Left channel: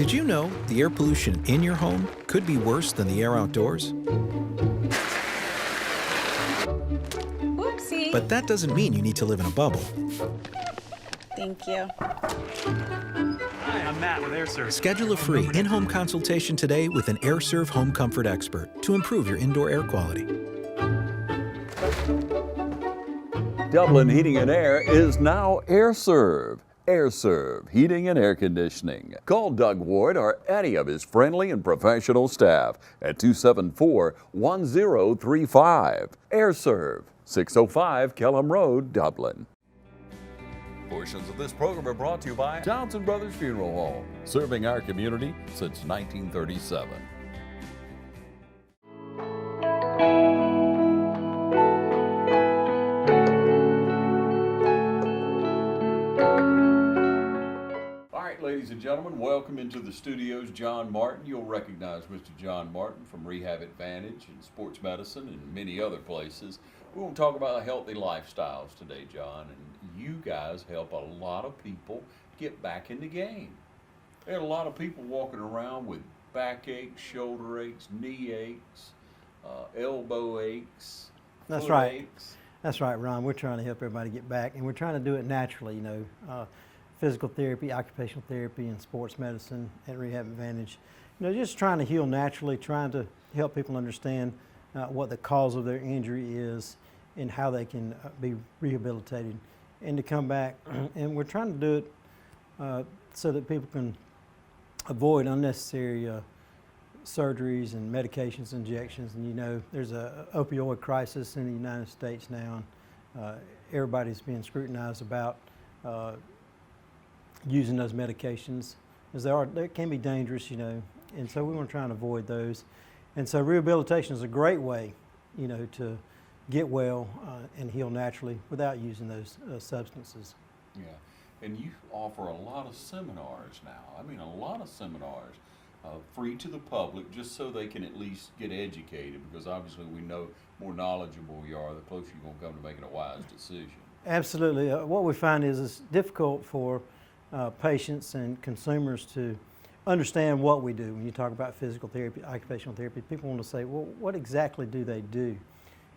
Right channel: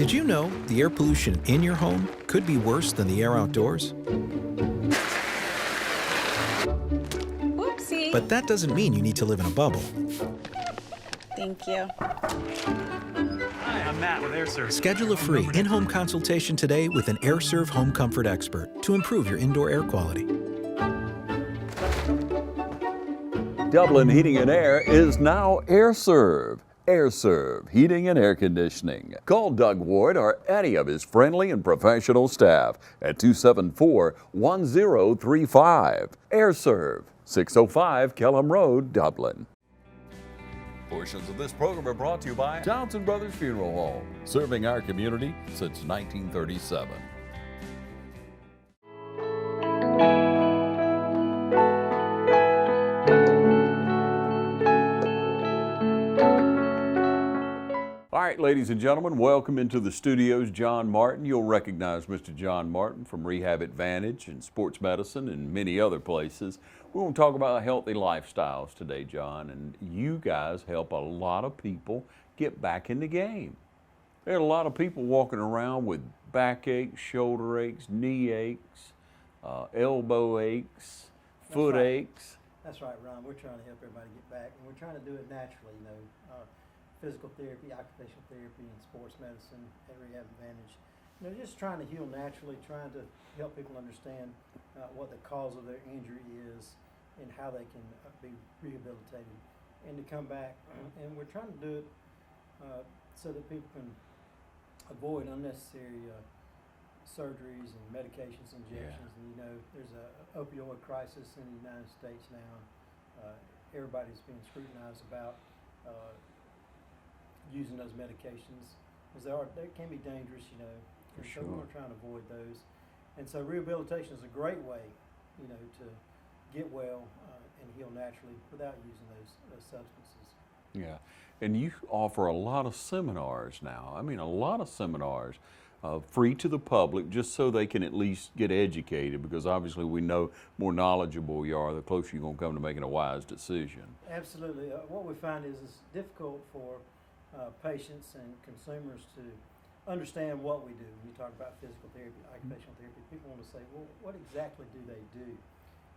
Did you know the air pollution in your home could be worse than the air outdoors? Oopsie. But that doesn't mean you need to live in a bubble. Thank you. Hi, I'm Matt with AirServe. Schedule a free in-home consultation today with an AirServe home comfort expert to improve your indoor air quality. Dublin Heating and Air is now AirServe. AirServe Heating and Air Conditioning. Call Doug Ward or any of his friendly and professional staff at 274-1035. AirServe, 605 Kelham Road, Dublin. Portions of this program are brought to you by Townsend Brothers Funeral Home, serving our community since 1937. All right, ladies and gentlemen, welcome into the studios. John Martin. You'll recognize Mr. John Martin from Rehab Advantage and Sports Medicine and many other places. We're going to talk about healthy lifestyles today, John, and you guys help a lot of people get back in the game. There are a lot of people walking around with backaches, shoulder aches, knee aches, elbow aches, foot aches. That's right, Ron. We're trying to help everybody get back, and we're trying to do it naturally, you know. Physical therapy, occupational therapy, and sports medicine at Rehab Advantage. You know, just trying to heal naturally, trying to help people understand what the cause of their injury is and how they can be rehabilitated and to come back. And we're trying to do it so that people can avoid unnecessary surgeries and medications, injections. And you know, there's a opioid crisis in the United States now, and everybody's being scrutinized about using those medications, as they can be dangerous, you know, and so we want to try and avoid those. And so rehabilitation is a great way, you know, to get well and heal naturally without using those substances. Yeah, and you offer a lot of seminars now. I mean, a lot of seminars free to the public, just so they can at least get educated, because obviously we know more knowledgeable you are, the closer you're going to come to making a wise decision. Absolutely. What we find is it's difficult for patients and consumers to understand what we do. When you talk about physical therapy, occupational therapy, people want to say, well, what exactly do they do?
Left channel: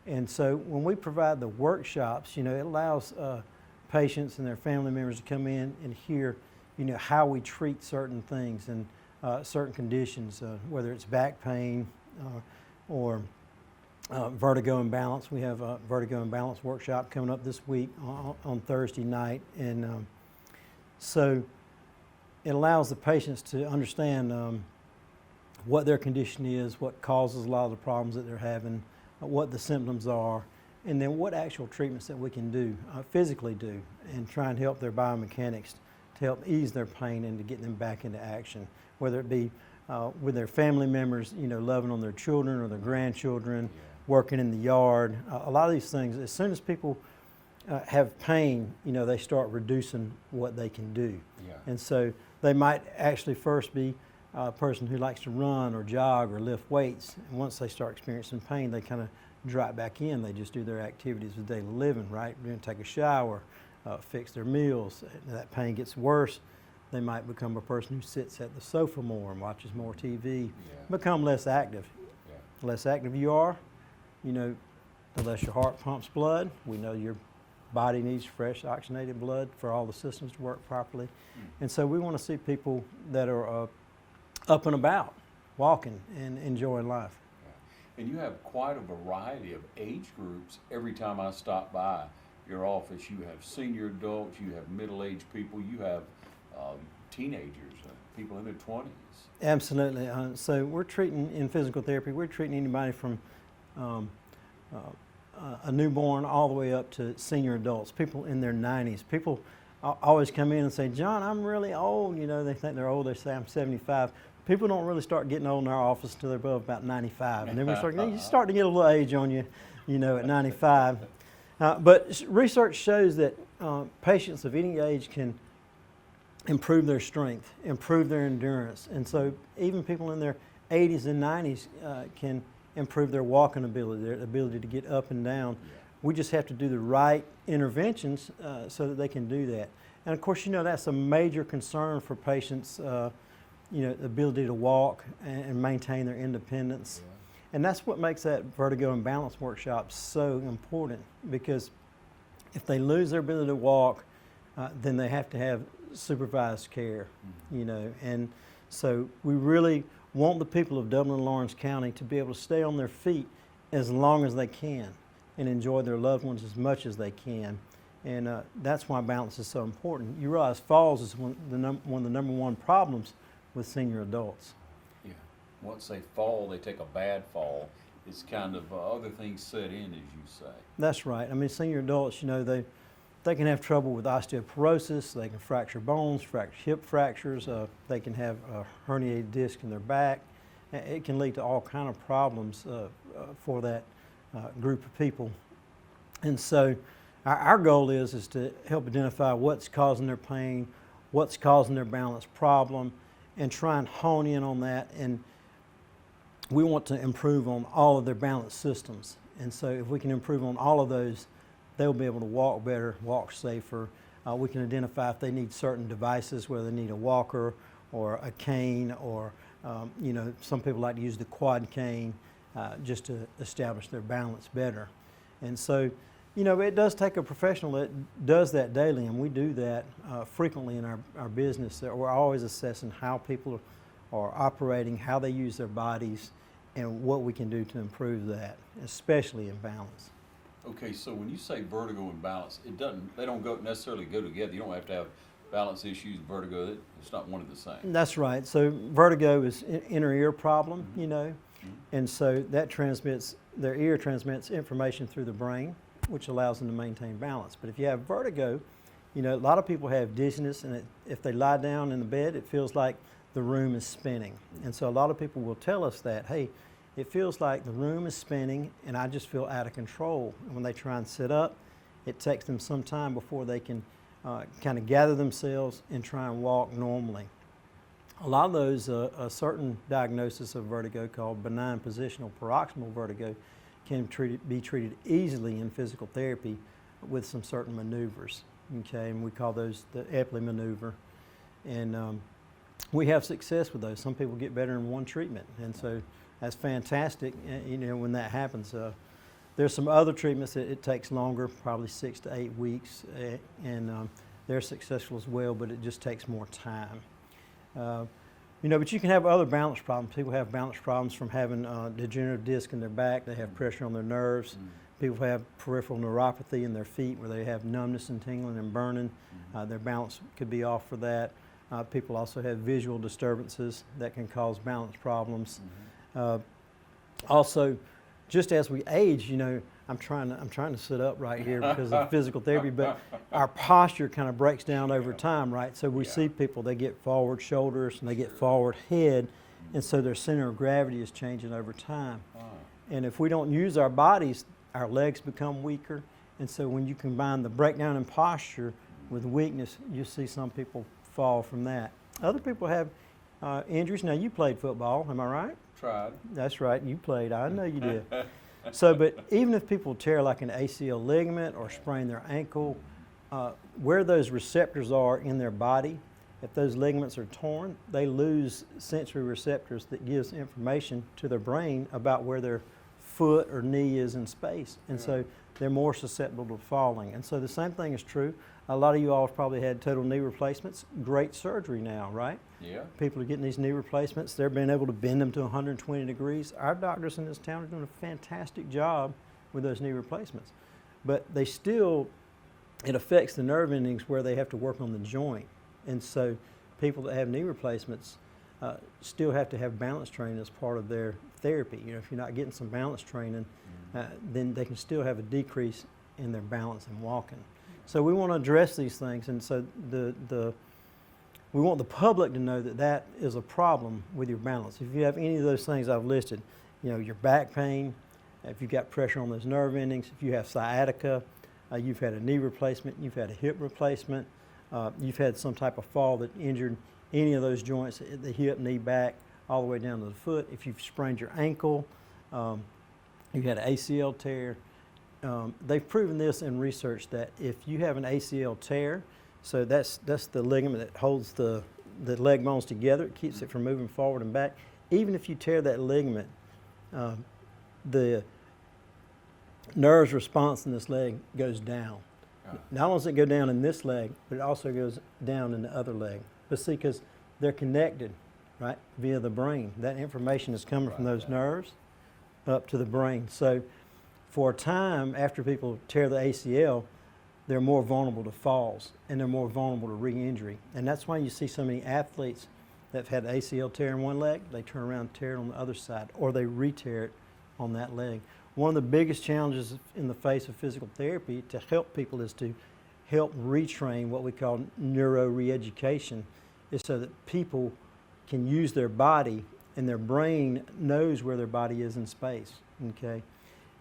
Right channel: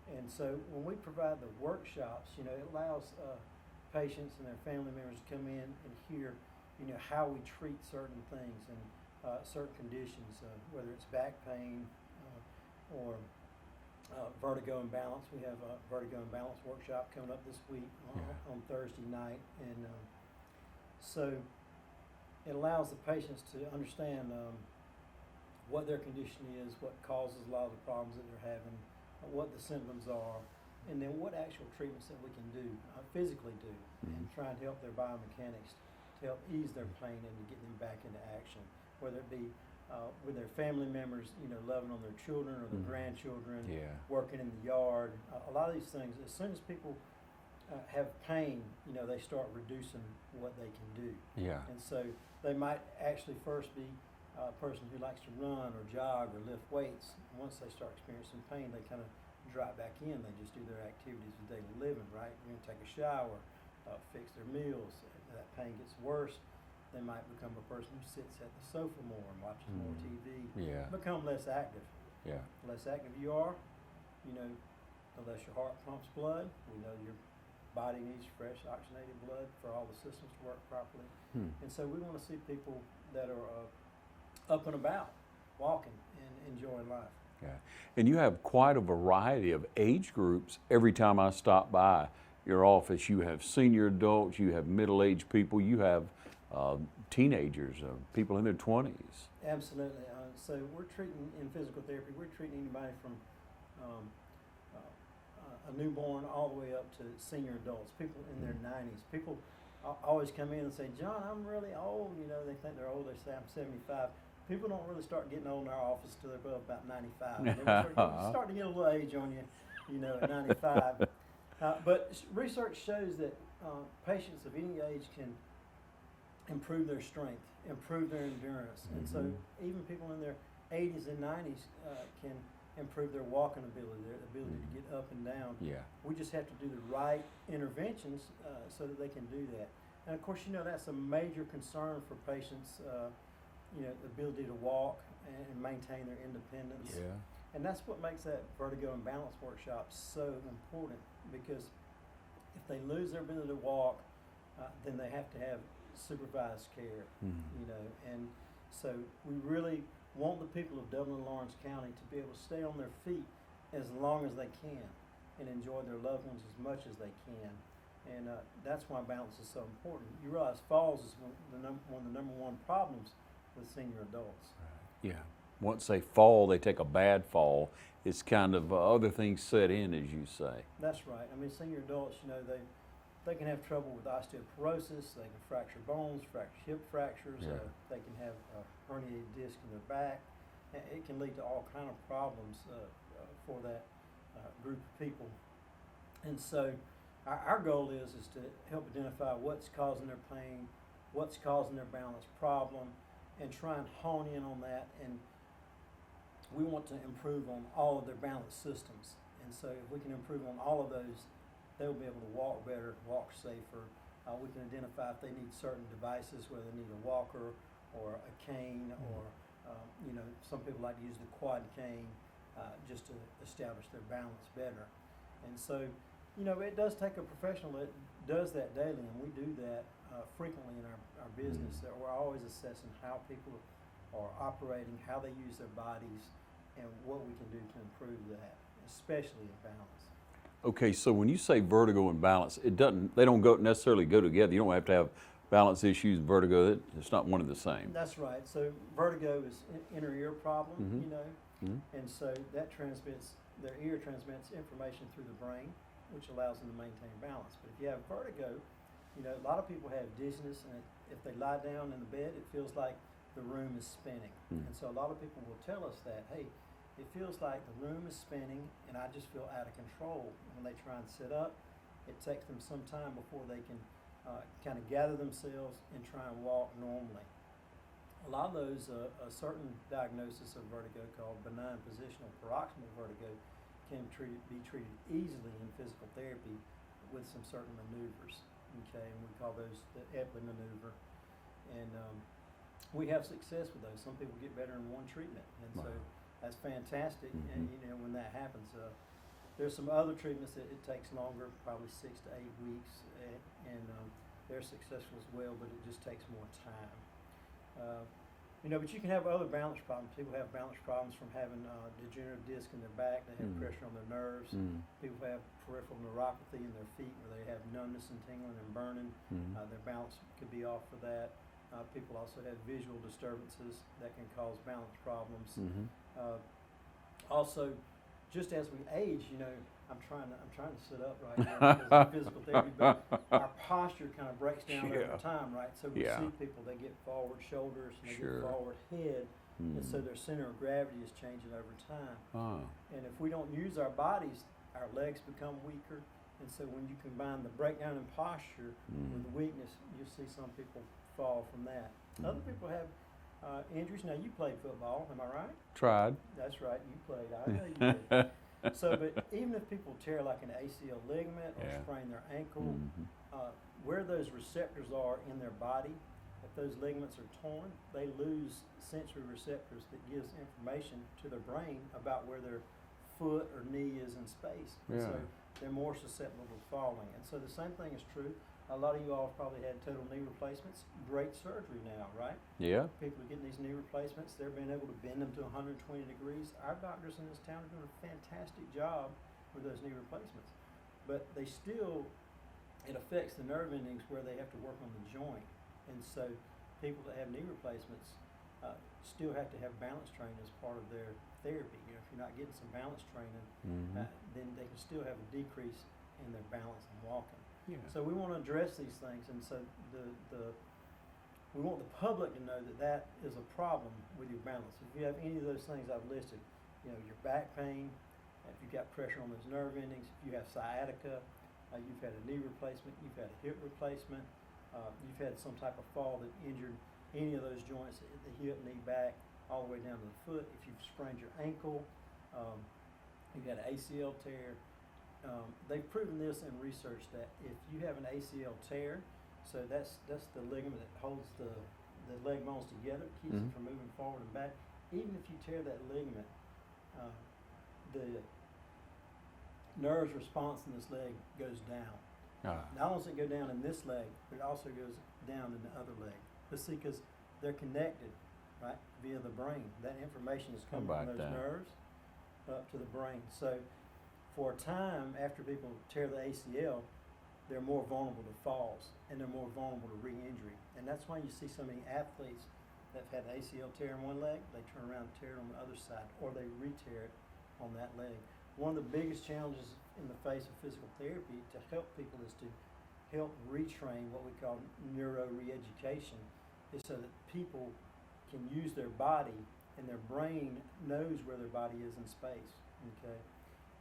And so when we provide the workshops, you know, it allows patients and their family members to come in and hear, you know, how we treat certain things and certain conditions, whether it's back pain or vertigo and balance. We have a vertigo and balance workshop coming up this week on Thursday night, and so it allows the patients to understand what their condition is, what causes a lot of the problems that they're having, what the symptoms are, and then what actual treatments that we can do, physically do, and try and help their biomechanics to help ease their pain and to get them back into action, whether it be with their family members, you know, loving on their children or their grandchildren, working in the yard. A lot of these things, as soon as people have pain, you know, they start reducing what they can do. Yeah. And so they might actually first be a person who likes to run or jog or lift weights. And once they start experiencing pain, they kind of drop back in. They just do their activities of daily living, right? They're going to take a shower, fix their meals. And that pain gets worse. They might become a person who sits at the sofa more and watches more TV, become less active. Yeah. The less active you are, you know, the less your heart pumps blood. We know your body needs fresh oxygenated blood for all the systems to work properly. And so we want to see people that are up and about, walking and enjoying life. Yeah. And you have quite a variety of age groups. Every time I stop by your office, you have senior adults, you have middle-aged people, you have teenagers, people in their 20s. Absolutely. So we're treating, in physical therapy, we're treating anybody from a newborn all the way up to senior adults, people in their 90s. People always come in and say, John, I'm really old. You know, they think they're old. They say, I'm 75. People don't really start getting old in our office until they're above about 95. And then we start, you start to get a little age on you, you know, at 95. But research shows that patients of any age can improve their strength, improve their endurance. And so even people in their 80s and 90s can improve their walking ability, their ability to get up and down. Yeah. We just have to do the right interventions so that they can do that. And of course, you know, that's a major concern for patients the ability to walk and maintain their independence. Yeah. And that's what makes that vertigo and balance workshop so important, because if they lose their ability to walk, then they have to have supervised care, and so we really want the people of Dublin and Lawrence County to be able to stay on their feet as long as they can and enjoy their loved ones as much as they can. And that's why balance is so important. You realize falls is one of the number one problems with senior adults. Yeah. Once they fall, they take a bad fall. It's kind of other things set in, as you say. That's right. I mean, senior adults, they can have trouble with osteoporosis. They can fracture bones, hip fractures. They can have a herniated disc in their back. It can lead to all kind of problems for that group of people. And so our goal is to help identify what's causing their pain, what's causing their balance problem, and try and hone in on that. And we want to improve on all of their balance systems. And so if we can improve on all of those, they'll be able to walk better, walk safer. We can identify if they need certain devices, whether they need a walker or a cane, or some people like to use the quad cane just to establish their balance better. And so, it does take a professional that does that daily, and we do that frequently in our business. We're always assessing how people are operating, how they use their bodies, and what we can do to improve that, especially in balance. Okay, so when you say vertigo and balance, they don't necessarily go together. You don't have to have balance issues and vertigo. It's not one and the same. That's right. So vertigo is inner ear problem, and so their ear transmits information through the brain, which allows them to maintain balance. But if you have vertigo, a lot of people have dizziness, and if they lie down in the bed, it feels like the room is spinning. And so a lot of people will tell us that, hey, it feels like the room is spinning and I just feel out of control. And when they try and sit up, it takes them some time before they can kind of gather themselves and try and walk normally. A lot of those, a certain diagnosis of vertigo called benign positional paroxysmal vertigo can be treated easily in physical therapy with some certain maneuvers, okay? And we call those the Epley maneuver. And we have success with those. Some people get better in one treatment, and so that's fantastic, when that happens. There's some other treatments that it takes longer, probably 6 to 8 weeks, and they're successful as well, but it just takes more time. But you can have other balance problems. People have balance problems from having degenerative disc in their back. They have pressure on their nerves. People have peripheral neuropathy in their feet, where they have numbness and tingling and burning. Their balance could be off for that. People also have visual disturbances that can cause balance problems. Also, just as we age, I'm trying to sit up right here because of physical therapy, but our posture kind of breaks down over time, right? So we see people, they get forward shoulders and they get forward head, and so their center of gravity is changing over time. And if we don't use our bodies, our legs become weaker, and so when you combine the breakdown in posture with weakness, you see some people fall from that. Other people have injuries. Now, you played football, am I right? Tried. That's right, you played. I know you did. So, but even if people tear like an ACL ligament or sprain their ankle, where those receptors are in their body, if those ligaments are torn, they lose sensory receptors that gives information to their brain about where their foot or knee is in space. And so they're more susceptible to falling. And so the same thing is true. A lot of you all have probably had total knee replacements. Great surgery now, right? Yeah. People are getting these knee replacements. They're being able to bend them to 120 degrees. Our doctors in this town are doing a fantastic job with those knee replacements. But they still, it affects the nerve endings where they have to work on the joint. And so people that have knee replacements still have to have balance training as part of their therapy. If you're not getting some balance training, then they can still have a decrease in their balance and walking. So we want to address these things, and so we want the public to know that that is a problem with your balance. If you have any of those things I've listed, your back pain, if you've got pressure on those nerve endings, if you have sciatica, you've had a knee replacement, you've had a hip replacement, you've had some type of fall that injured any of those joints, the hip, knee, back, all the way down to the foot. If you've sprained your ankle, you had an ACL tear. They've proven this in research that if you have an ACL tear, so that's the ligament that holds the the leg bones together. It keeps it from moving forward and back. Even if you tear that ligament, the nerve's response in this leg goes down. Not only does it go down in this leg, but it also goes down in the other leg. But see, because they're connected, right, via the brain. That information is coming from those nerves up to the brain. So for a time, after people tear the ACL, they're more vulnerable to falls and they're more vulnerable to re-injury. And that's why you see so many athletes that have had ACL tear in one leg, they turn around and tear it on the other side, or they re-tear it on that leg. One of the biggest challenges in the face of physical therapy to help people is to help retrain what we call neuro-re-education, is so that people can use their body and their brain knows where their body is in space, okay?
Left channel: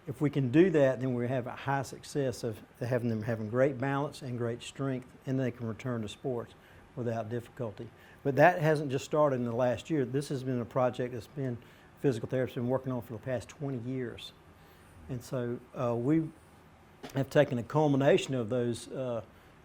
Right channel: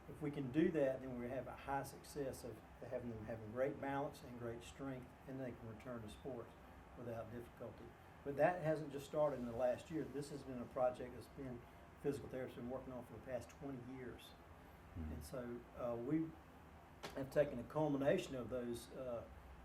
If we can do that, then we have a high success of having them having great balance and great strength, and they can return to sports without difficulty. But that hasn't just started in the last year. This has been a project that's been physical therapists been working on for the past 20 years. And so we have taken a culmination of those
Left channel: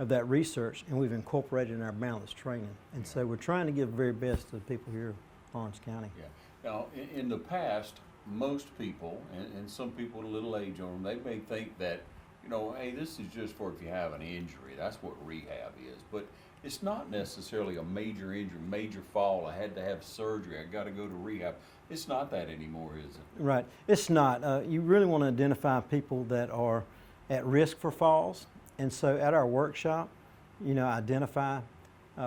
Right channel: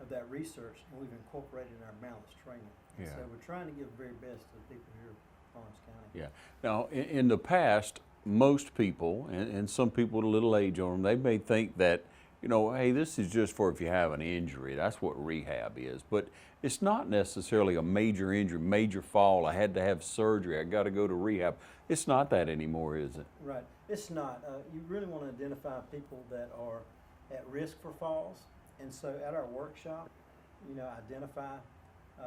of that research, and we've incorporated in our balance training. And so we're trying to give the very best to the people here in Lawrence County. Yeah. Now, in the past, most people, and some people with a little age on them, they may think that, you know, hey, this is just for if you have an injury. That's what rehab is. But it's not necessarily a major injury, major fall. I had to have surgery. I got to go to rehab. It's not that anymore, is it? Right. It's not. You really want to identify people that are at risk for falls. And so at our workshop, you know, identify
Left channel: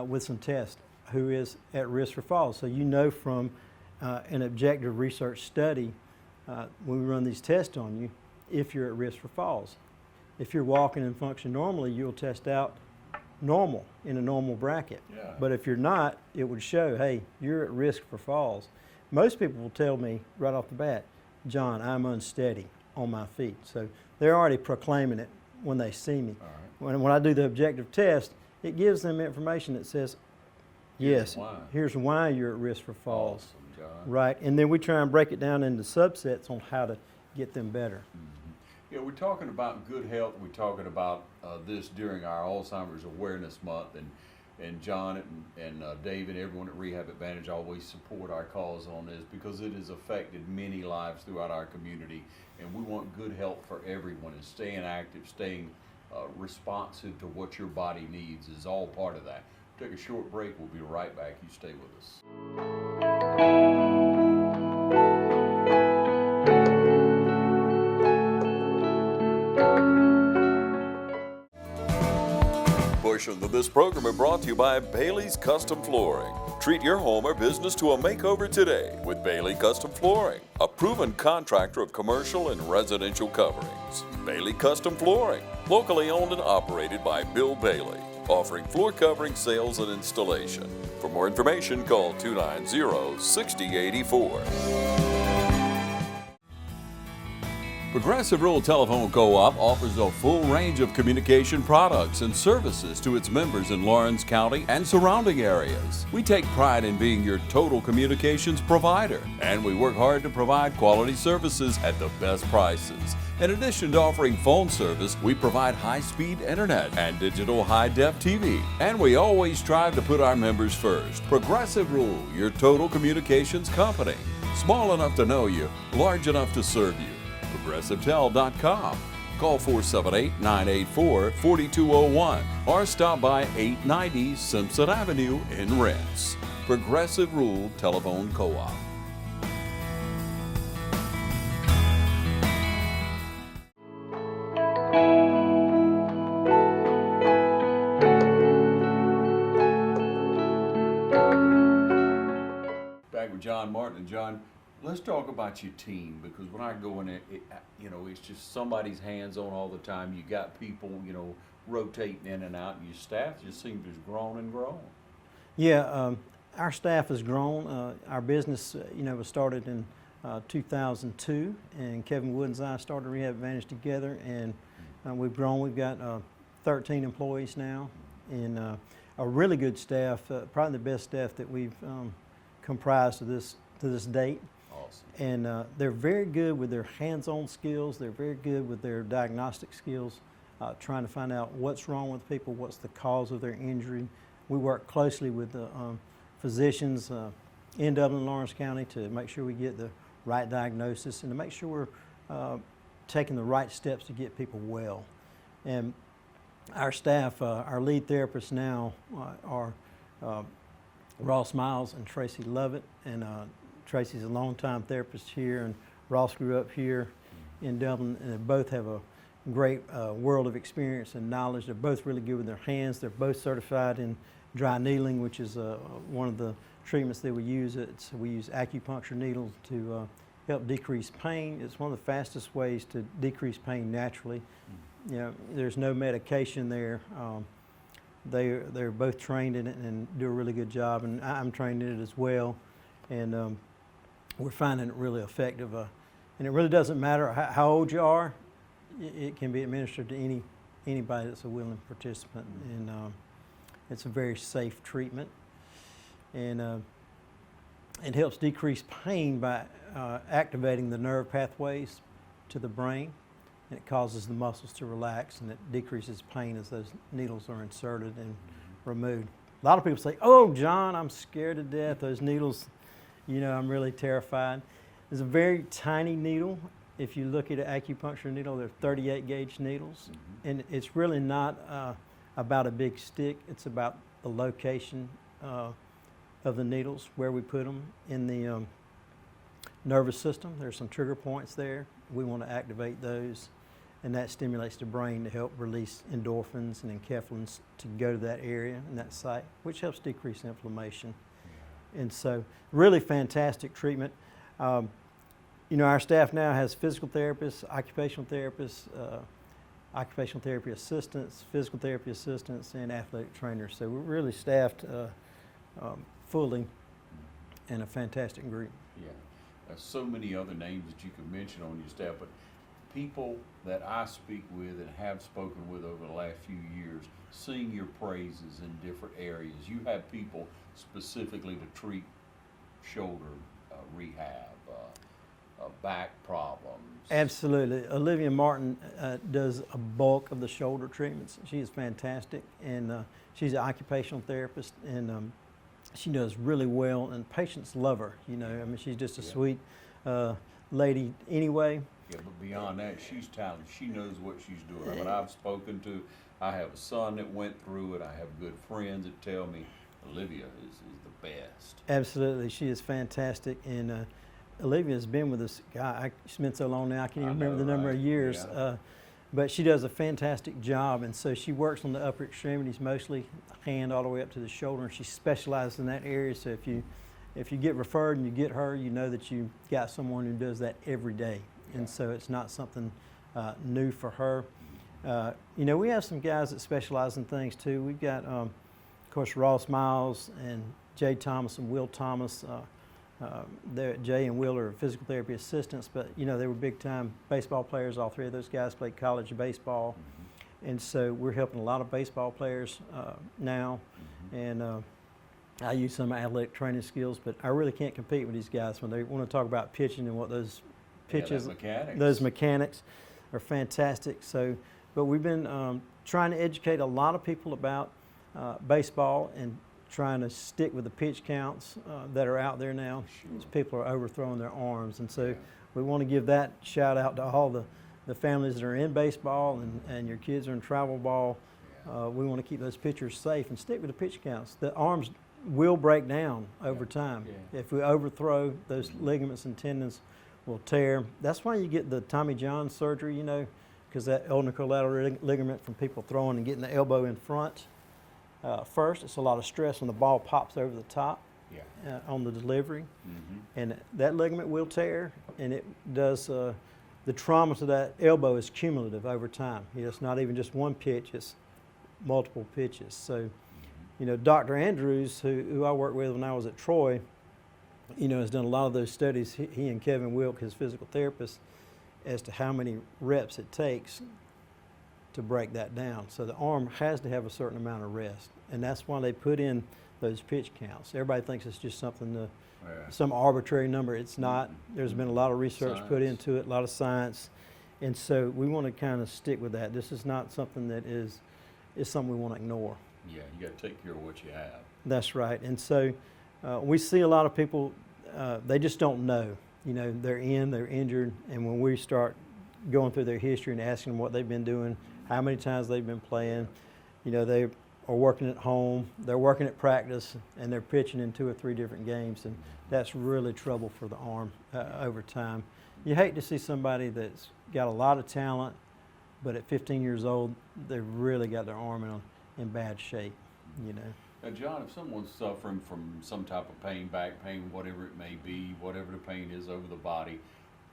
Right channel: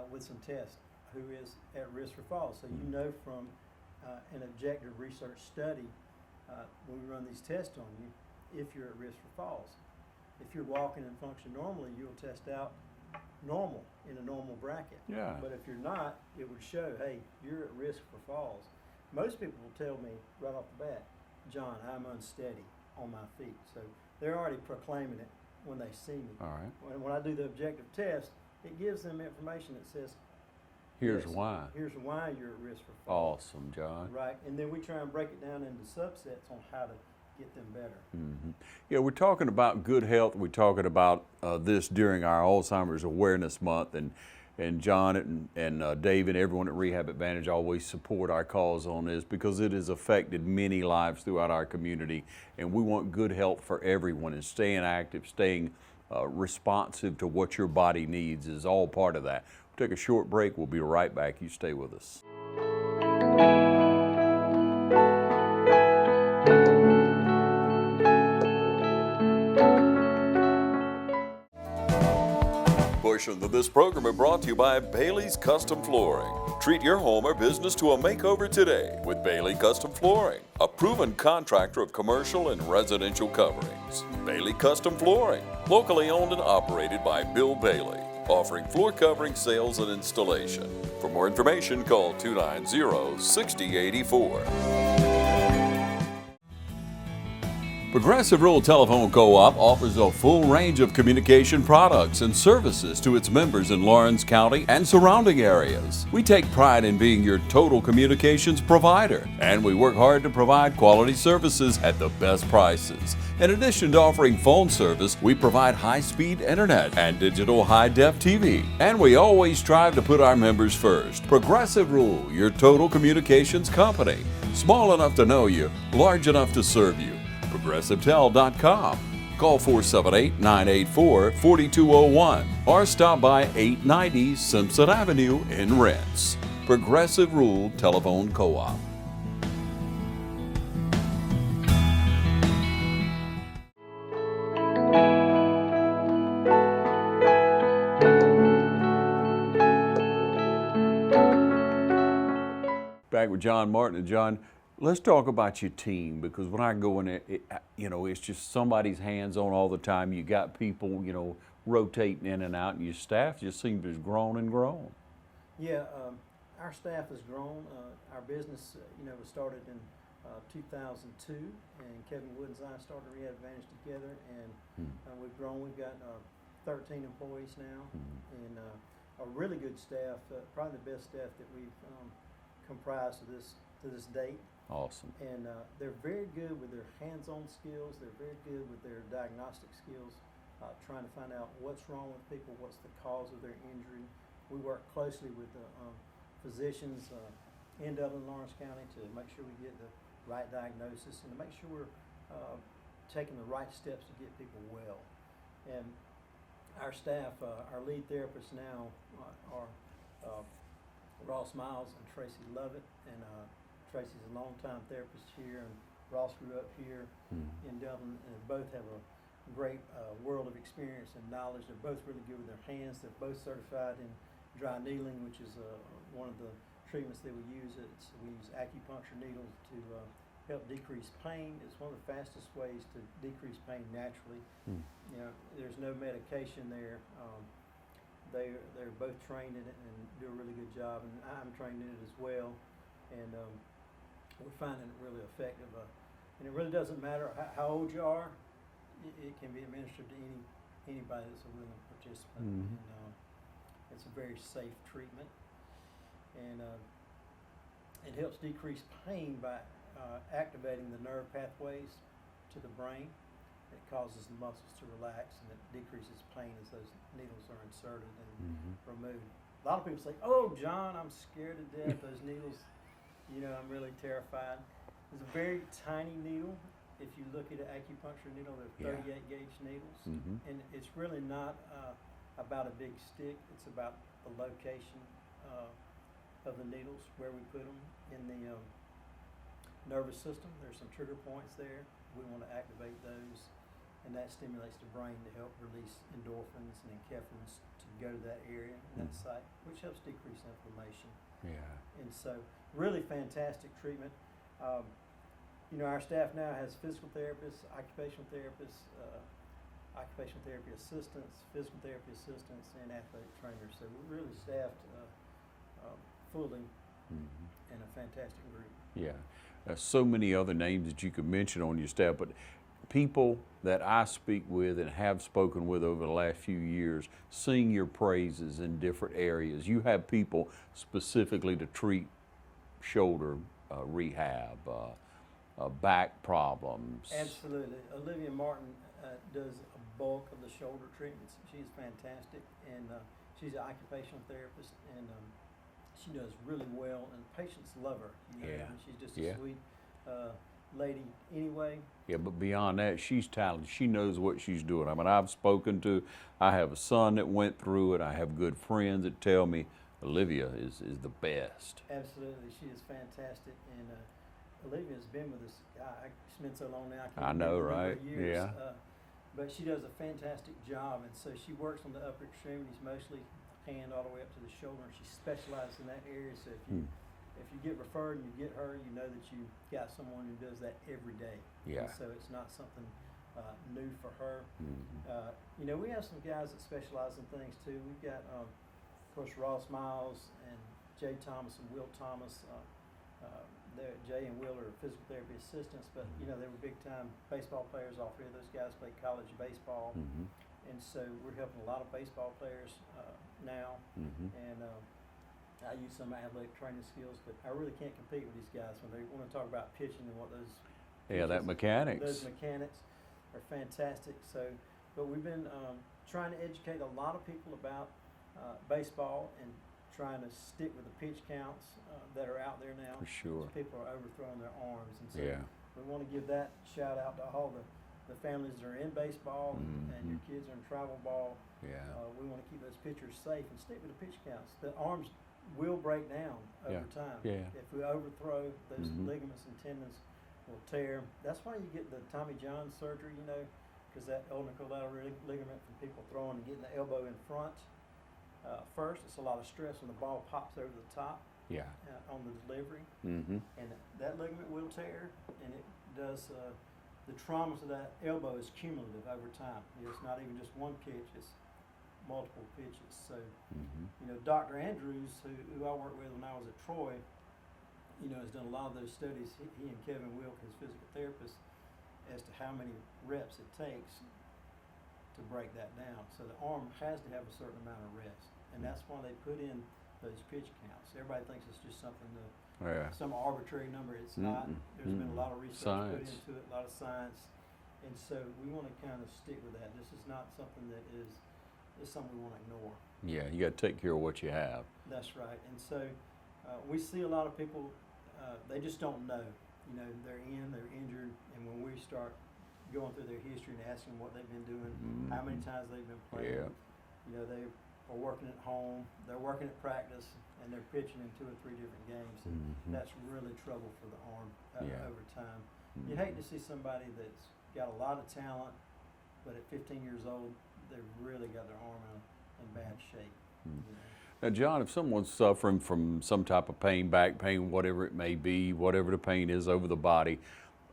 with some tests who is at risk for falls. So you know from an objective research study, when we run these tests on you, if you're at risk for falls. If you're walking and function normally, you'll test out normal in a normal bracket. Yeah. But if you're not, it would show, hey, you're at risk for falls. Most people will tell me right off the bat, John, I'm unsteady on my feet. So they're already proclaiming it when they see me. All right. When I do the objective test, it gives them information that says, Here's why. Here's why you're at risk for falls. Awesome, John. Right, and then we try and break it down into subsets on how to get them better. Yeah, we're talking about good health. We're talking about this during our Alzheimer's Awareness Month, and John and David, everyone at Rehab Advantage always support our cause on this because it has affected many lives throughout our community, and we want good health for everyone, and staying active, staying responsive to what your body needs is all part of that. We'll take a short break. We'll be right back. You stay with us. Portions of this program are brought to you by Bailey's Custom Flooring. Treat your home or business to a makeover today with Bailey Custom Flooring, a proven contractor of commercial and residential coverings. Bailey Custom Flooring, locally owned and operated by Bill Bailey, offering floor covering sales and installation. For more information, call 290-6084. Progressive Rural Telephone Co-op offers a full range of communication products and services to its members in Lawrence County and surrounding areas. We take pride in being your total communications provider, and we work hard to provide quality services at the best prices. In addition to offering phone service, we provide high-speed internet and digital high-def TV. And we always strive to put our members first. Progressive Rural, your total communications company. Small enough to know you, large enough to serve you. ProgressiveTel.com. Call 478-984-4201 or stop by 890 Simpson Avenue in Rents. Progressive Rural Telephone Co-op. Back with John Martin. And John, let's talk about your team, because when I go in there, it's just somebody's hands-on all the time. You got people, rotating in and out, and your staff just seems to have grown and grown. Yeah, our staff has grown. Our business, was started in 2002, and Kevin Wood and I started Rehab Advantage together, and we've grown. We've got 13 employees now, and a really good staff, probably the best staff that we've comprised to this date. Awesome. And they're very good with their hands-on skills. They're very good with their diagnostic skills, trying to find out what's wrong with people, what's the cause of their injury. We work closely with the physicians in Dublin and Lawrence County to make sure we get the right diagnosis and to make sure we're taking the right steps to get people well. And our staff, our lead therapists now are Ross Miles and Tracy Lovett, and Tracy's a longtime therapist here, and Ross grew up here in Dublin, and they both have a great world of experience and knowledge. They're both really good with their hands. They're both certified in dry needling, which is one of the treatments that we use. We use acupuncture needles to help decrease pain. It's one of the fastest ways to decrease pain naturally. You know, there's no medication there. They're both trained in it and do a really good job, and I'm trained in it as well. And we're finding it really effective. And it really doesn't matter how old you are. It can be administered to anybody that's a willing participant, and it's a very safe treatment. And it helps decrease pain by activating the nerve pathways to the brain, and it causes the muscles to relax, and it decreases pain as those needles are inserted and removed. A lot of people say, "Oh, John, I'm scared to death. Those needles, you know, I'm really terrified." It's a very tiny needle. If you look at an acupuncture needle, they're 38 gauge needles, and it's really not about a big stick. It's about the location of the needles, where we put them in the nervous system. There's some trigger points there. We want to activate those, and that stimulates the brain to help release endorphins and enkephalins to go to that area and that site, which helps decrease inflammation. Yeah. And so, really fantastic treatment. You know, our staff now has physical therapists, occupational therapists, occupational therapy assistants, physical therapy assistants, and athletic trainers. So we're really staffed fully, and a fantastic group. Yeah. There's so many other names that you could mention on your staff, but people that I speak with and have spoken with over the last few years sing your praises in different areas. You have people specifically to treat shoulder rehab, back problems. Absolutely. Olivia Martin does a bulk of the shoulder treatments. She is fantastic, and she's an occupational therapist, and she does really well, and patients love her. You know, I mean, she's just a sweet lady anyway. Yeah, but beyond that, she's talented. She knows what she's doing. I mean, I've spoken to, I have a son that went through it. I have good friends that tell me Olivia is the best. Absolutely. She is fantastic, and Olivia has been with us. God, she's been so long now, I can't even remember the number of years. Yeah. But she does a fantastic job, and so she works on the upper extremities, mostly hand all the way up to the shoulder, and she specializes in that area. So if you get referred and you get her, you know that you got someone who does that every day. Yeah. And so it's not something new for her. You know, we have some guys that specialize in things too. We've got, of course, Ross Miles and Jay Thomas and Will Thomas. Jay and Will are physical therapy assistants, but you know, they were big time baseball players. All three of those guys played college baseball. And so we're helping a lot of baseball players now. And I use some athletic training skills, but I really can't compete with these guys when they want to talk about pitching and what those pitches, those mechanics are fantastic. So, but we've been trying to educate a lot of people about baseball and trying to stick with the pitch counts that are out there now. Sure. People are overthrowing their arms, and so we want to give that shout out to all the families that are in baseball and your kids are in travel ball. We want to keep those pitchers safe and stick with the pitch counts. The arms will break down over time. If we overthrow, those ligaments and tendons will tear. That's why you get the Tommy John surgery, you know, because that ulnar collateral ligament from people throwing and getting the elbow in front. First, it's a lot of stress when the ball pops over the top on the delivery, and that ligament will tear, and it does. The trauma to that elbow is cumulative over time. You know, it's not even just one pitch; it's multiple pitches. So, you know, Dr. Andrews, who I worked with when I was at Troy, you know, has done a lot of those studies. He and Kevin Wilk, his physical therapist, as to how many reps it takes to break that down. So the arm has to have a certain amount of rest, and that's why they put in those pitch counts. Everybody thinks it's just something some arbitrary number. It's not. There's been a lot of research put into it, a lot of science, and so we want to kind of stick with that. This is not something that is something we want to ignore. Yeah, you got to take care of what you have. That's right. And so we see a lot of people, they just don't know. You know, they're injured, and when we start going through their history and asking them what they've been doing, how many times they've been playing, you know, they are working at home, they're working at practice, and they're pitching in 2 or 3 different games, and that's really trouble for the arm over time. You hate to see somebody that's got a lot of talent, but at 15 years old, they've really got their arm in bad shape, you know. Now, John, if someone's suffering from some type of pain, back pain, whatever it may be, whatever the pain is over the body,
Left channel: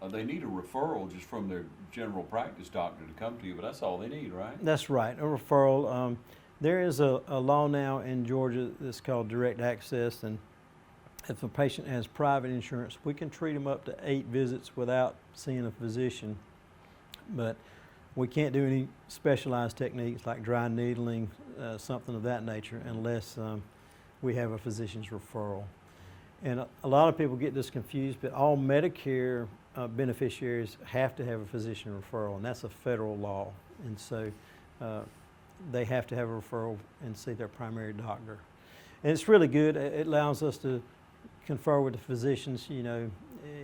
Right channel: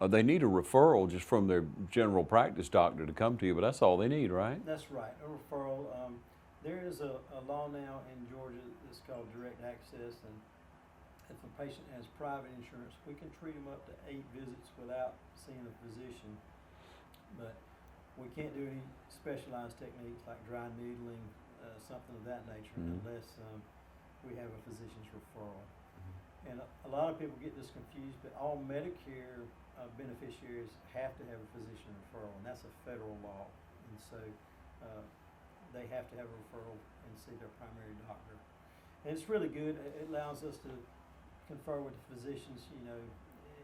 they need a referral just from their general practice doctor to come to you, but that's all they need, right? That's right, a referral. There is a law now in Georgia that's called direct access, and if a patient has private insurance, we can treat them up to 8 visits without seeing a physician, but we can't do any specialized techniques like dry needling, something of that nature, unless we have a physician's referral. And a lot of people get this confused, but all Medicare beneficiaries have to have a physician referral, and that's a federal law. And so they have to have a referral and see their primary doctor. And it's really good. It allows us to confer with the physicians, you know,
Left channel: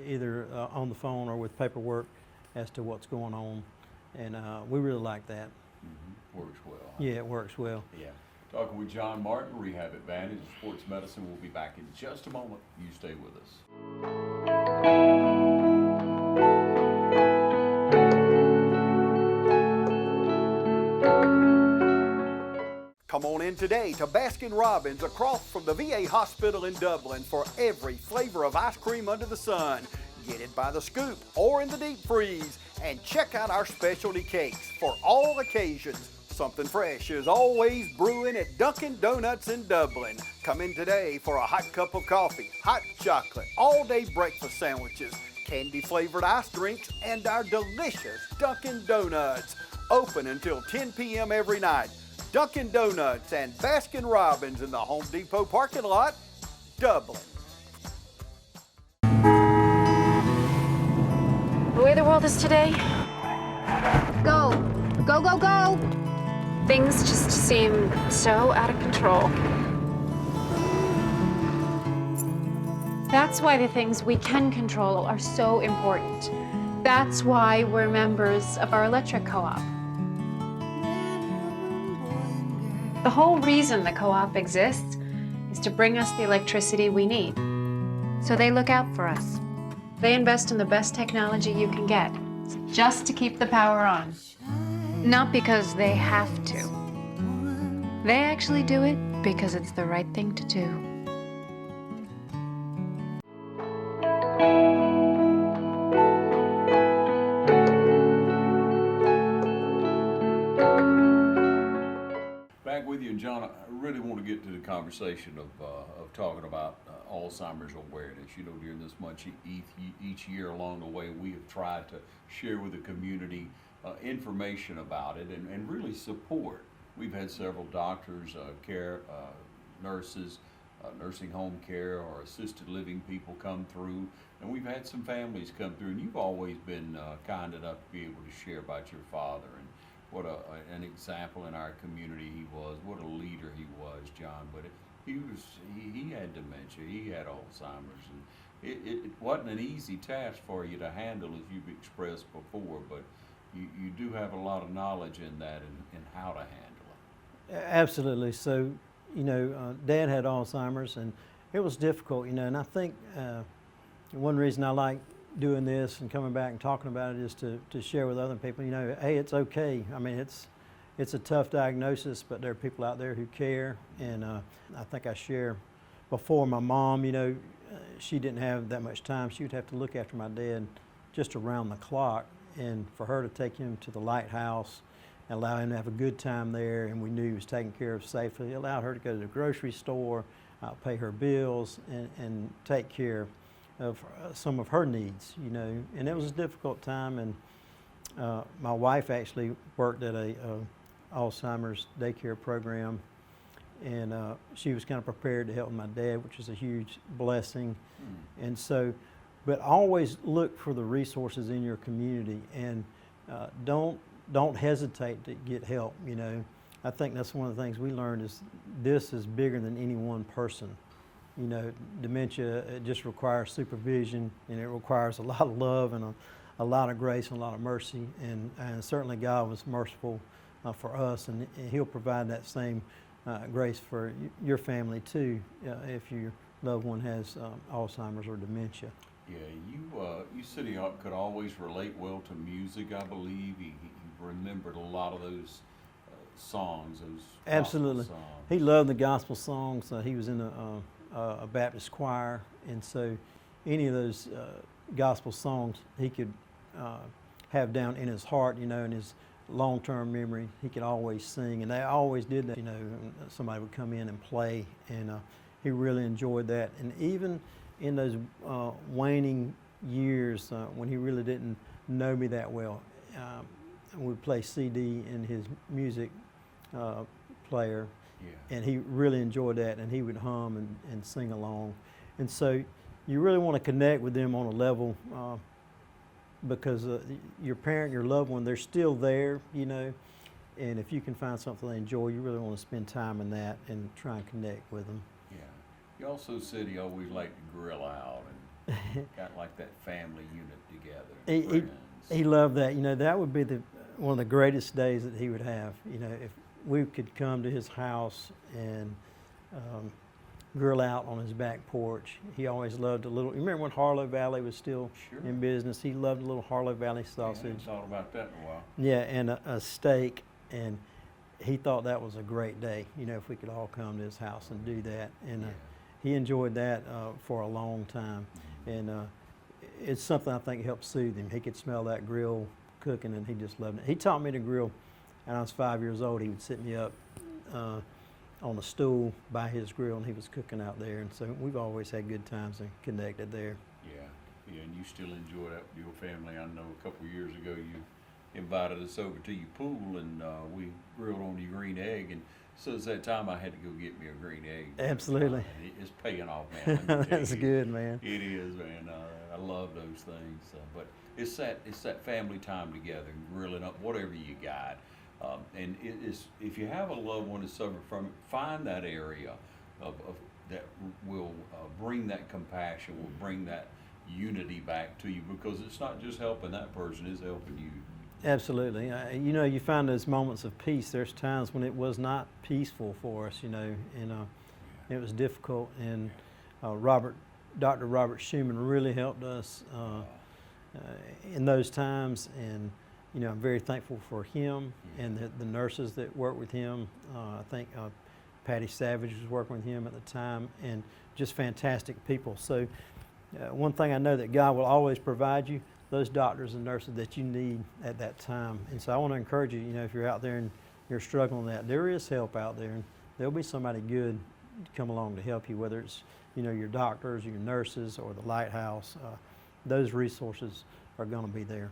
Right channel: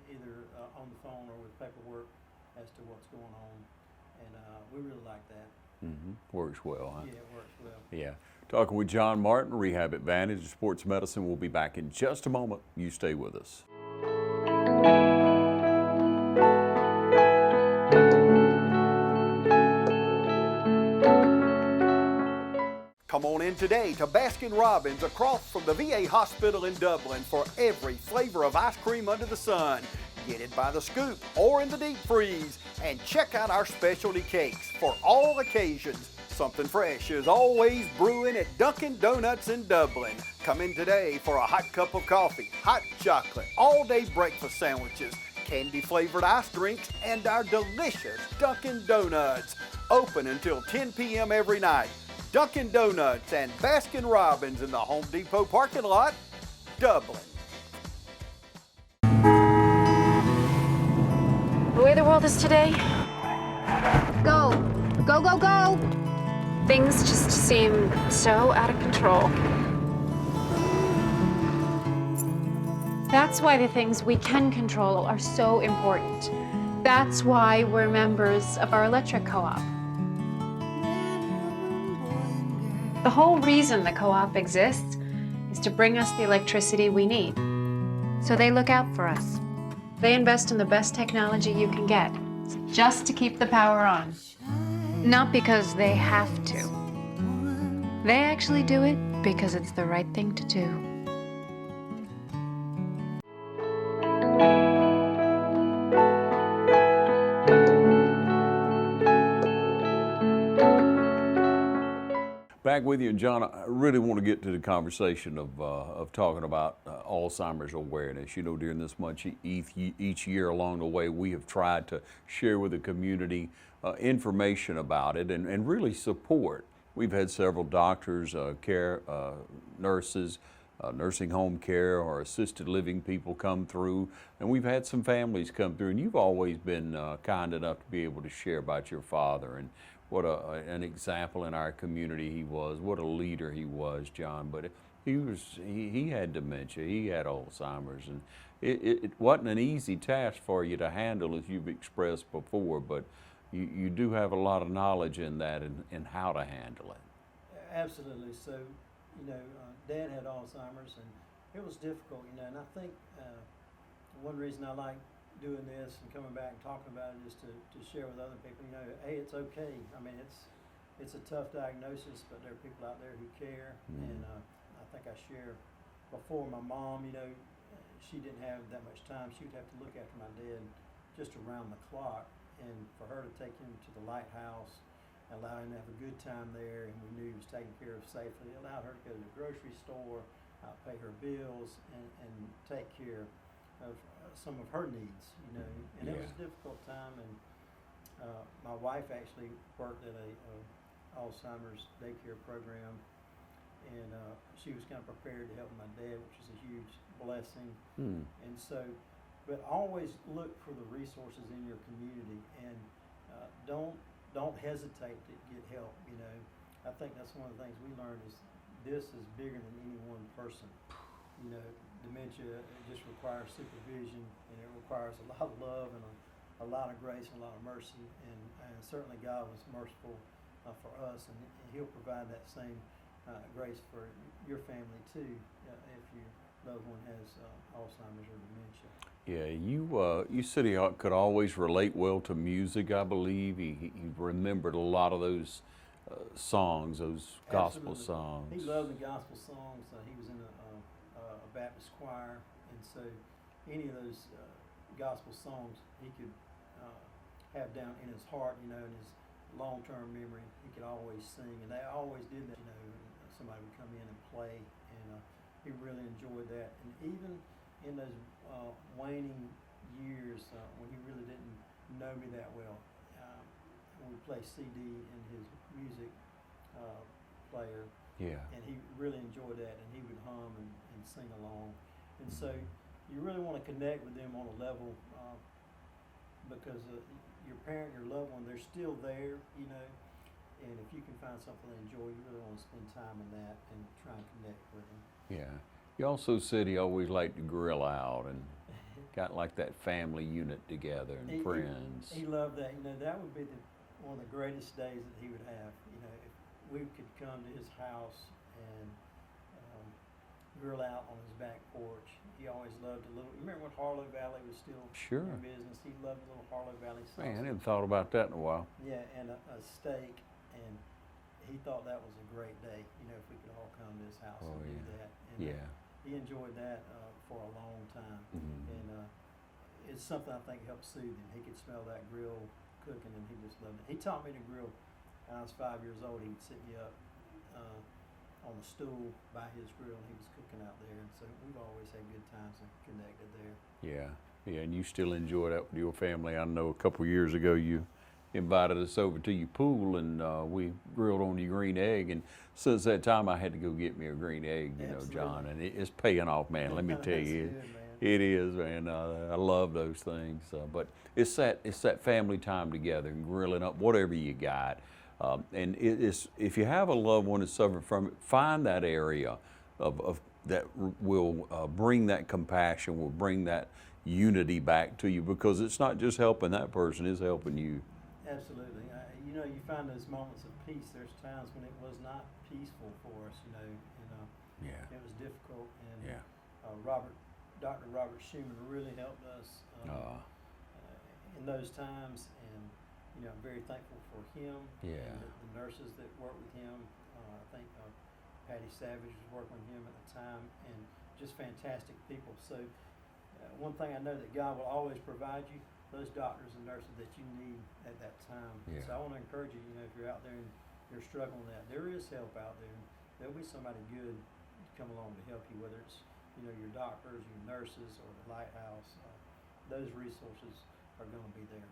either on the phone or with paperwork as to what's going on. And we really like that. Works well, huh? Yeah, it works well. Yeah. Talking with John Martin, Rehab Advantage, Sports Medicine. We'll be back in just a moment. You stay with us. Come on in today to Baskin-Robbins across from the VA hospital in Dublin for every flavor of ice cream under the sun. Get it by the scoop or in the deep freeze, and check out our specialty cakes for all occasions. Something fresh is always brewing at Dunkin Donuts in Dublin. Come in today for a hot cup of coffee, hot chocolate, all-day breakfast sandwiches, candy-flavored ice drinks, and our delicious Dunkin Donuts. Open until 10 p.m. every night. Dunkin Donuts and Baskin-Robbins in the Home Depot parking lot, Dublin. The way the world is today, Go, go, go, go! things just seem so out of control. That's why the things we can control are so important. That's why we're members of our electric co-op. The whole reason the co-op exists is to bring us the electricity we need. So they look out for us. They invest in the best technology you can get, just to keep the power on. Not because they have to. They actually do it because it's the right thing to do. Back with you, and John, I really want to get to the conversation of talking about Alzheimer's awareness. You know, during this month, each year along the way, we have tried to share with the community information about it and really support. We've had several doctors, nurses, nursing home care or assisted living people come through, and we've had some families come through, and you've always been kind enough to be able to share about your father and what an example in our community he was, what a leader he was, John. But he had dementia, he had Alzheimer's, and it wasn't an easy task for you to handle, as you've expressed before, but you do have a lot of knowledge in that and how to handle it. Absolutely. So, you know, Dad had Alzheimer's, and it was difficult, you know, and I think one reason I like doing this and coming back and talking about it is to share with other people, you know, hey, it's okay. I mean, it's a tough diagnosis, but there are people out there who care, and I think I share before my mom, you know, she didn't have that much time. She would have to look after my dad just around the clock, and for her to take him to the lighthouse and allow him to have a good time there, and we knew he was taken care of safely. It allowed her to go to the grocery store, pay her bills, and take care of some of her needs, you know. And it was a difficult time, and my wife actually worked at a Alzheimer's daycare program, and she was kind of prepared to help my dad, which is a huge blessing. And so, but always look for the resources in your community, and don't hesitate to get help, you know. I think that's one of the things we learned is this is bigger than any one person. you know, dementia, it just requires supervision, and it requires a lot of love and a lot of grace and a lot of mercy, and certainly God was merciful for us, and He'll provide that same grace for your family too, if your loved one has Alzheimer's or dementia. Yeah, you said he could always relate well to music, I believe. He remembered a lot of those songs, those Absolutely. gospel songs. He loved the gospel songs. He was in a Baptist choir, and so any of those gospel songs he could have down in his heart, you know, in his long-term memory. He could always sing, and they always did that. You know, somebody would come in and play, and he really enjoyed that. And even in those waning years when he really didn't know me that well, we'd play CD in his music player, and he really enjoyed that, and he would hum and sing along. And so you really want to connect with them on a level because your parent, your loved one, they're still there, you know, and if you can find something they enjoy, you really want to spend time in that and try and connect with them. Yeah. He also said he always liked to grill out and got like that family unit together and friends. He loved that. You know, that would be one of the greatest days that he would have. You know, if we could come to his house and grill out on his back porch. He always loved a little. You remember when Harlow Valley was still in business? He loved a little Harlow Valley sausage. I hadn't thought about that in a while. Yeah, and a steak, and he thought that was a great day. You know, if we could all come to his house and do that, and he enjoyed that for a long time, and it's something I think helped soothe him. He could smell that grill cooking, and he just loved it. He taught me to grill. When I was 5 years old, he would sit me up on a stool by his grill, and he was cooking out there. And so we've always had good times and connected there. Yeah, and you still enjoy that with your family. I know a couple years ago you invited us over to your pool, and we grilled on your green egg. And since that time, I had to go get me a green egg. Absolutely. John, and it's paying off, man. Let me tell you. That's good, man. It is, man. I love those things. But it's that family time together and grilling up whatever you got. And if you have a loved one that's suffering from it, find that area of that will bring that compassion, will bring that unity back to you, because it's not just helping that person, it's helping you. Absolutely. You know, you find those moments of peace. There's times when it was not peaceful for us, you know, and it was difficult. And Dr. Robert Schumann really helped us in those times. And you know, I'm very thankful for him and the nurses that work with him. I think Patty Savage was working with him at the time, and just fantastic people. So one thing I know that God will always provide you those doctors and nurses that you need at that time. And so I want to encourage you, you know, if you're out there and you're struggling with that, there is help out there, and there'll be somebody good to come along to help you, whether it's, you know, your doctors, your nurses, or the Lighthouse. Those resources are going to be there.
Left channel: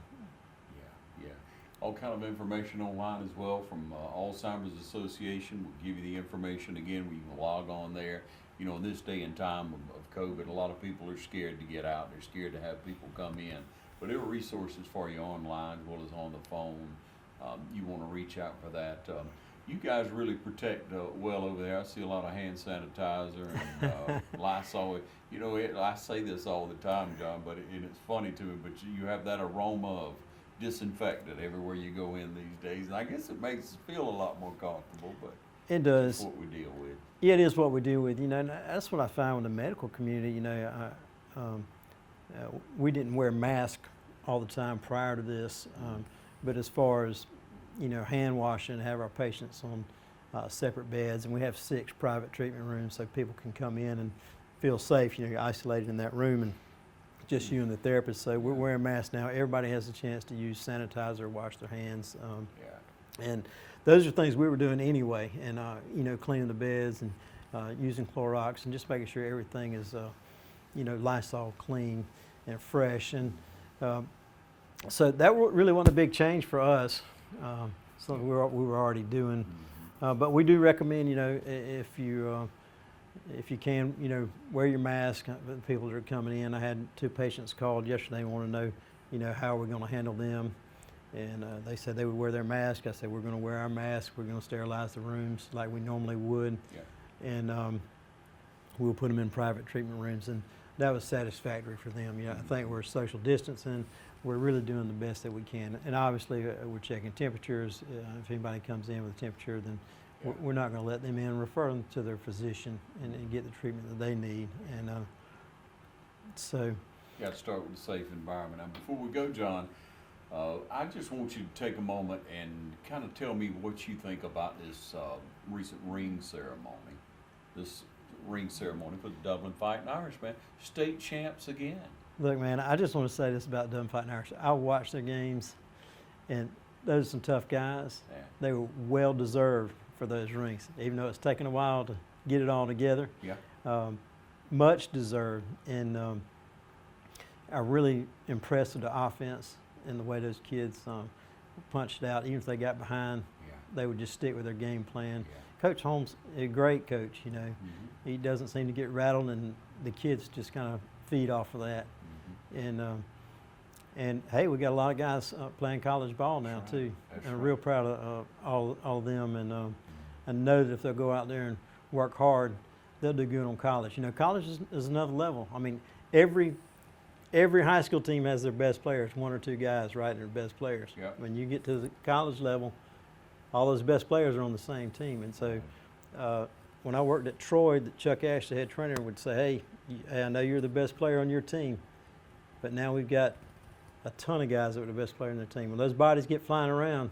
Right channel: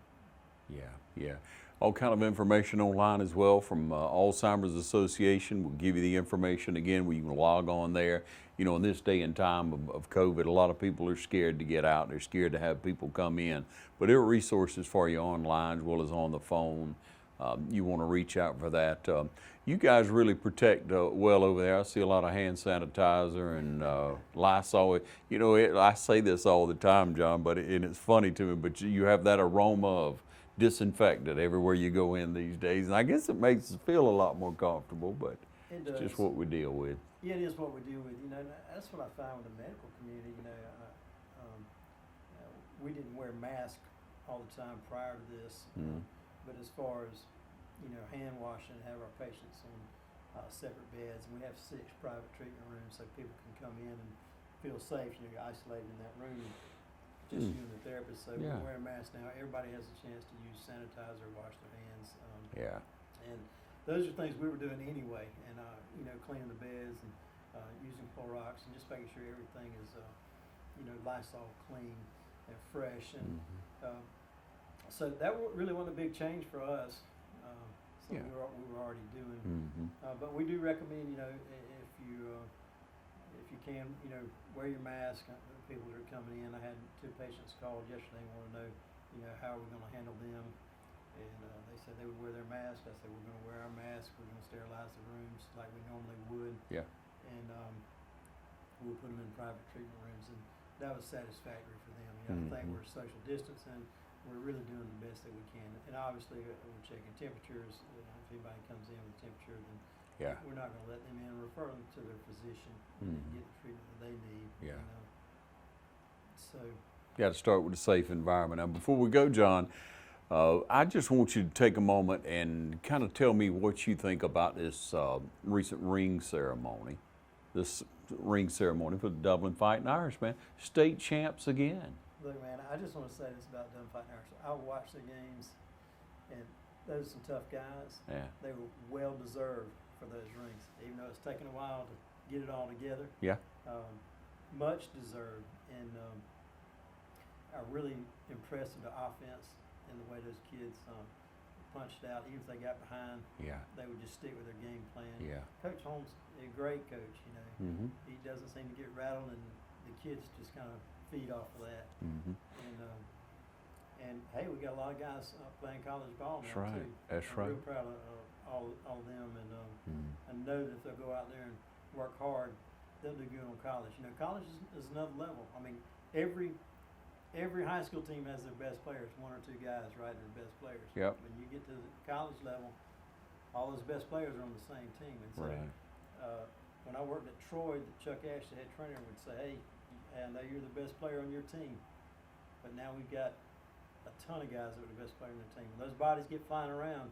Yeah. All kind of information online as well from Alzheimer's Association. We'll give you the information again where you can log on there. You know, in this day and time of COVID, a lot of people are scared to get out. They're scared to have people come in. But there are resources for you online as well as on the phone. You want to reach out for that. You guys really protect well over there. I see a lot of hand sanitizer and Lysol. You know, I say this all the time, John, and it's funny to me, but you have that aroma of disinfectant everywhere you go in these days. And I guess it makes us feel a lot more comfortable, but it does. It's just what we deal with. Yeah, it is what we deal with. You know, and that's what I found in the medical community. You know, we didn't wear masks all the time prior to this, but as far as, you know, hand washing, have our patients on separate beds, and we have 6 private treatment rooms so people can come in and feel safe. You know, you're isolated in that room and just you and the therapist. So we're wearing masks now. Everybody has a chance to use sanitizer, wash their hands. And those are things we were doing anyway, and you know, cleaning the beds and using Clorox and just making sure everything is, you know, Lysol clean and fresh. And so that really wasn't a big change for us. Something we were already doing. But we do recommend, you know, if you can, you know, wear your mask. The people that are coming in, I had 2 patients called yesterday and want to know, you know, how we're going to handle them. And they said they would wear their mask. I said, we're going to wear our mask. We're going to sterilize the rooms like we normally would. And we'll put them in private treatment rooms, and that was satisfactory for them. I think we're social distancing. We're really doing the best that we can, and obviously we're checking temperatures. If anybody comes in with a temperature, then we're not going to let them in. Refer them to their physician and get the treatment that they need. And so, you got to start with a safe environment. Now, before we go, John, I just want you to take a moment and kind of tell me what you think about this recent ring ceremony. This ring ceremony for the Dublin Fighting Irishmen, state champs again. Look, man, I just want to say this about Dublin Fighting Irish. I watched their games, and those are some tough guys. Yeah. They were well deserved for those rings, even though it's taken a while to get it all together. Yeah. Much deserved, and I'm really impressed with the offense and the way those kids punched out. Even if they got behind, they would just stick with their game plan. Yeah. Coach Holmes, a great coach, you know. He doesn't seem to get rattled, and the kids just kind of feed off of that. And hey, we got a lot of guys playing college ball now too. That's I'm right. real proud of all of them, and I know that if they'll go out there and work hard, they'll do good on college. You know, college is another level. I mean, every high school team has their best players, one or two guys, right? They're the best players. Yep. When you get to the college level, all those best players are on the same team. And so when I worked at Troy, Chuck Ash, the head trainer, would say, hey, I know you're the best player on your team, but now we've got a ton of guys that are the best player on their team. When those bodies get flying around,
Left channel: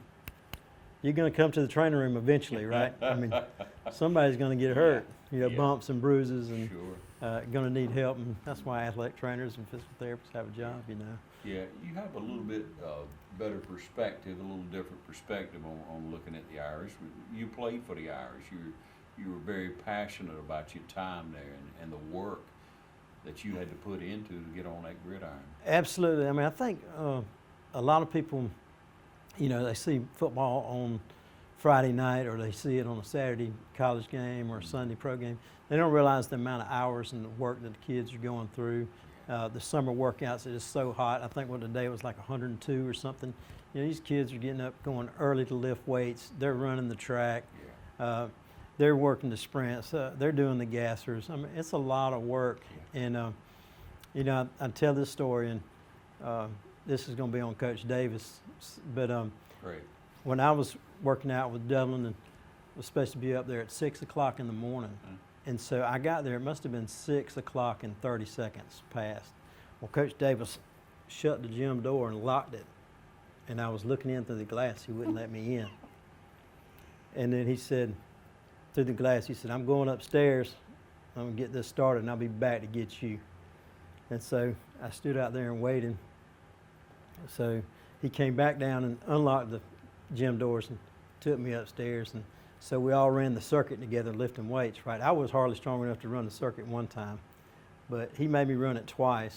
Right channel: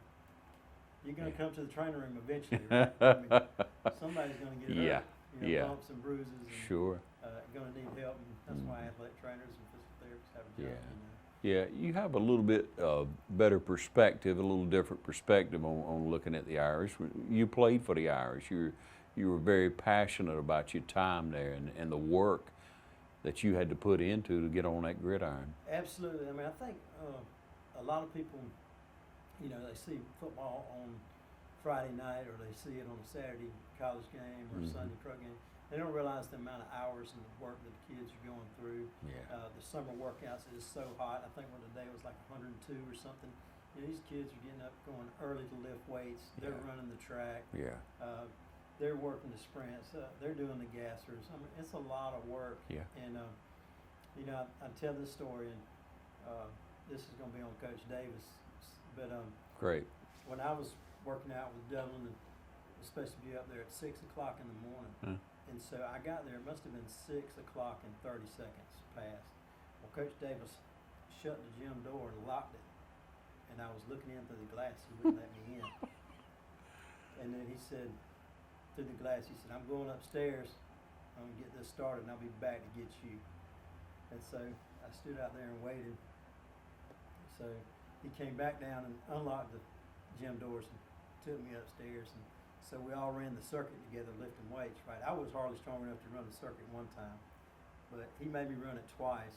you're going to come to the training room eventually, right? I mean, somebody's going to get hurt. You know, bumps and bruises, and going to need help, and that's why athletic trainers and physical therapists have a job, you know. Yeah, you have a little bit better perspective, a little different perspective on looking at the Irish. You played for the Irish. You were very passionate about your time there and the work that you had to put into to get on that gridiron. Absolutely. I mean, I think a lot of people, you know, they see football on Friday night, or they see it on a Saturday college game or a Sunday pro game. They don't realize the amount of hours and the work that the kids are going through. The summer workouts, it is so hot. I think what today was like 102 or something. You know, these kids are getting up, going early to lift weights. They're running the track. They're working the sprints. They're doing the gassers. I mean, it's a lot of work. And, you know, I tell this story, and this is going to be on Coach Davis. But Great. When I was working out with Dublin, and was supposed to be up there at 6 o'clock in the morning. And so I got there, it must have been 6 o'clock and 30 seconds past. Well, Coach Davis shut the gym door and locked it. And I was looking in through the glass, he wouldn't let me in. And then he said, through the glass, he said, I'm going upstairs, I'm gonna get this started, and I'll be back to get you. And so I stood out there and waited. So he came back down and unlocked the gym doors and took me upstairs, and so we all ran the circuit together lifting weights, right? I was hardly strong enough to run the circuit one time, but he made me run it twice.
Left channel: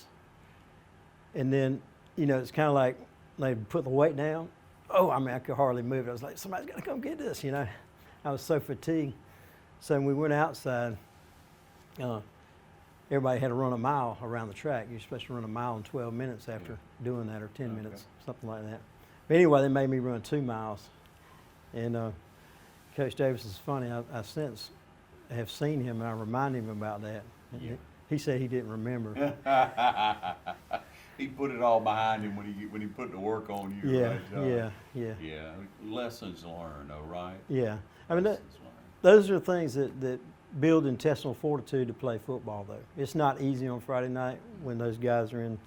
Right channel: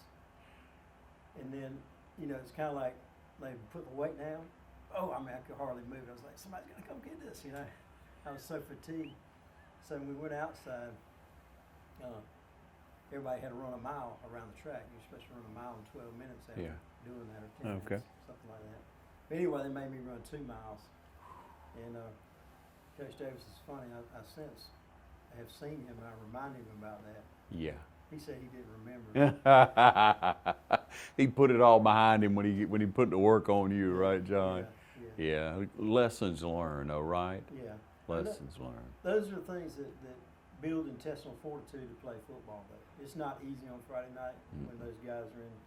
And then, you know, it's kind of like they put the weight down. Oh, I mean, I could hardly move. I was like, somebody's got to come get this, you know. I was so fatigued. So when we went outside, everybody had to run a mile around the track. You're supposed to run a mile in 12 minutes after doing that, or 10 minutes, something like that. But anyway, they made me run 2 miles. And Coach Davis is funny. I since have seen him, and I reminded him about that. Yeah. He said he didn't remember. He put it all behind him when he put the work on you, right, John? Yeah. Lessons learned, though, right? Yeah. I mean, Lessons learned. those are things that build intestinal fortitude to play football, though. It's not easy on Friday night when those guys are in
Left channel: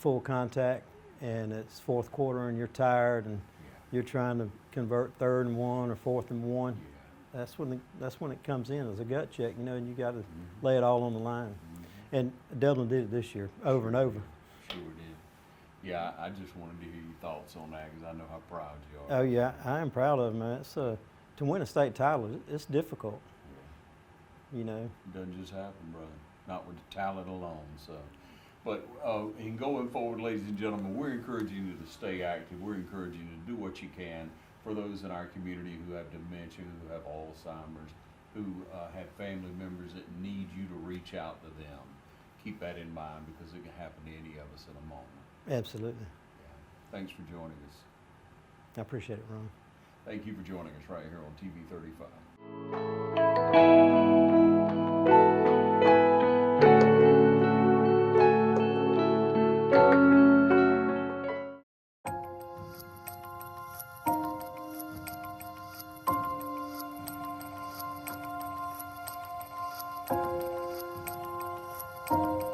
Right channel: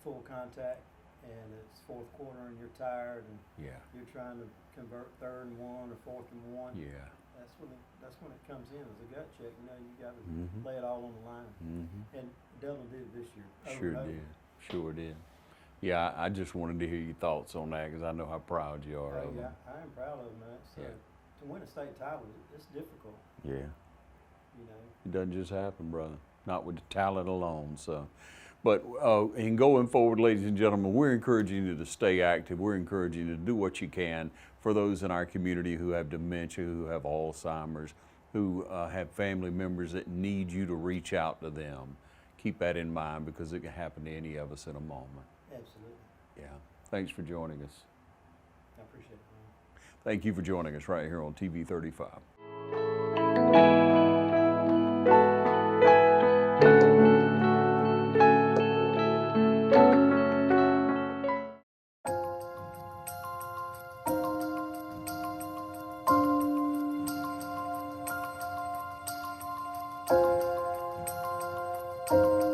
full contact, and it's fourth quarter and you're tired, and you're trying to convert 3rd and 1 or 4th and 1. That's when it comes in as a gut check, you know, and you got to lay it all on the line. And Dublin did it this year, over and over. Sure did. Yeah, I just wanted to hear your thoughts on that, because I know how proud you are. Oh yeah, I am proud of them, man. It's to win a state title, it's difficult. Yeah. You know. It doesn't just happen, brother. Not with the talent alone. So, but in going forward, ladies and gentlemen, we're encouraging you to stay active. We're encouraging you to do what you can for those in our community who have dementia, who have Alzheimer's, who have family members that need you to reach out to them. Keep that in mind, because it can happen to any of us in a moment. Absolutely. Yeah. Thanks for joining us. I appreciate it, Ron. Thank you for joining us right here on TV 35. Go!